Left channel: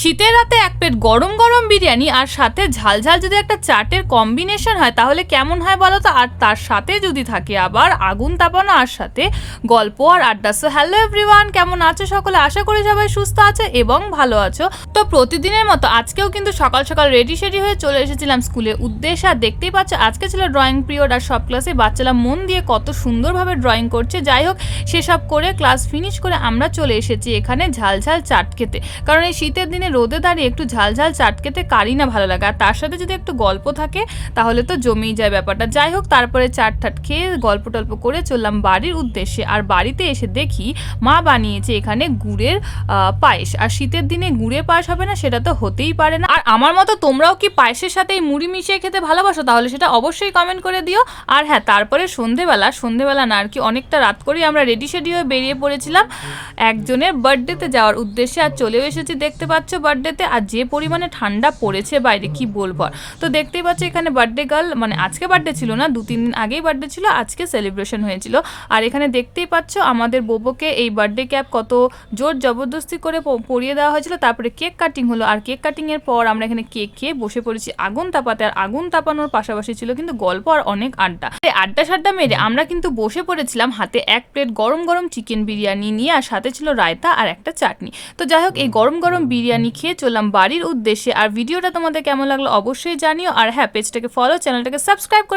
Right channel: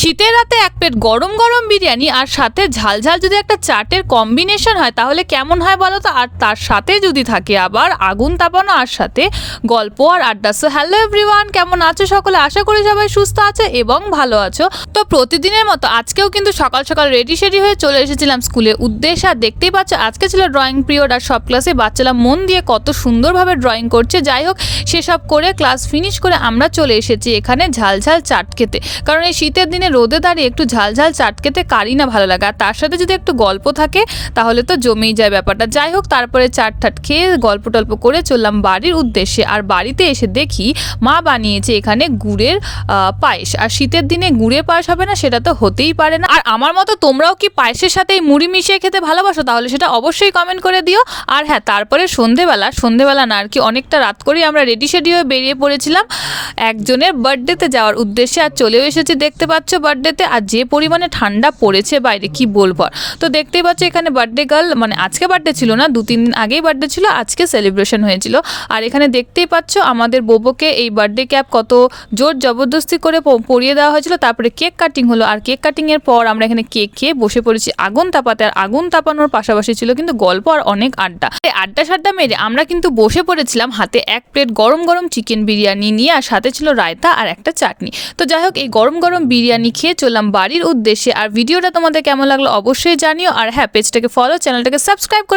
শীতের রাতে এক প্লেট গরম গরম বিরিয়ানি আর সাথে ঝাল ঝাল যদি একটা চাটের কম্বিনেশন হয় তাহলে কেমন হয় বলো তো। আর তার সাথে যদি থাকে আবার আগুন তাপানো আর সাথে গল্প আর আড্ডা। সো হ্যালো এভরিওয়ান, কেমন আছো সকলে? আশা করি সবাই সুস্থ আছে এবং ভালো আছো। তো প্রতিদিনের মতো আজকেও কিন্তু সকাল সকাল রেডি সেডি হয়ে চলে এসেছিলাম স্কুলের উদ্দেশ্যে। আর দেখতেই পাচ্ছ আজকে ছিল ড্রয়িং পিরিয়ড আর সব ক্লাসে বাচ্চারা মন দিয়ে কত সুন্দরভাবে ড্রয়িং করছে। যাই হোক, সেসব করে ক্লাস ফিনিশ করে আমরা চলে এসেছি এখানে ঝাল ঝাল চাট খেতে। কারণ এই শীতের দিনে রোদে দাঁড়িয়ে একটু ঝাল ঝাল চাট খেতে কারই না ভালো লাগে, আর তার সাথে যদি একটু গল্প থাকে তাহলে তো জমেই যায় ব্যাপারটা। যাই হোক, তারপরে চাট ঠাট খেয়ে গল্প টল্প করে চললাম বাড়ির উদ্দেশ্যে। আর বাড়িতে এসে দেখি মা বানিয়েছে এখানে গুড়ের পায়েস। আর শীতের দিনে গুড়ের পায়েস হবে না সেটা তো হতেই পারে না। আর আমার মতো তোমরাও কি পায়েসের সাথে মুড়ি মিশিয়ে খেতে ভালোবাসো? তাহলে সেটা অবশ্যই কমেন্ট করে দিও। আর হ্যাঁ, তারপরে সন্ধেবেলা না আর কি, অনেকটা রাত করেই আমরা রেডি সেডি হয়ে বেরিয়ে পড়েছিলাম একজনের বার্থডেতে যাওয়ার উদ্দেশ্যে। আর চলেও এসেছি দেখতে পাচ্ছ বার্থডেতে। আর যে পরিমাণে ঠান্ডা পড়েছে বাইরে কি বলবো। তো দেখতেই পাচ্ছ এখানে বার্থডে গার্ল, মানে আজকে বার্থডে ছিল না, 2-3 দিন আগেই বার্থডে ছিল, আজকে সেলিব্রেশন হয়েছিল। আর এখানে দেখতেই পাচ্ছ আমাদের বোবোকে এই বার্থডে ক্যাপ কত জোর জবরদস্তি করে পরিয়ে দেওয়া হয়েছিল। তারপরে কেক কাটিং হলো, আর কেক কাটিংয়ের পর আমরা এখানে কেক খেয়ে বসে পড়েছি আগুন তাপাতে। আর আগুন তাপানোর পাশাপাশি ছিল কিন্তু গল্প আর অনেক আড্ডা। আড্ডা সাড্ডা মেরে আমরা কিন্তু বসে পড়েছিলাম হাতে এক প্লেট গরম গরম চিকেন বিরিয়ানি নিয়ে, আর সাথে ছিল রায়তা আর একটা চাটনি। তো যাই হোক, এই গরম গরম বিরিয়ানি খেয়ে চললাম বাড়ির উদ্দেশ্যে। আর ভিডিওটা তোমাদের কেমন লাগলো অবশ্যই জানিও। আর হ্যাঁ, পেজটাকে ফলো, চ্যানেলটাকে সাবস্ক্রাইব করে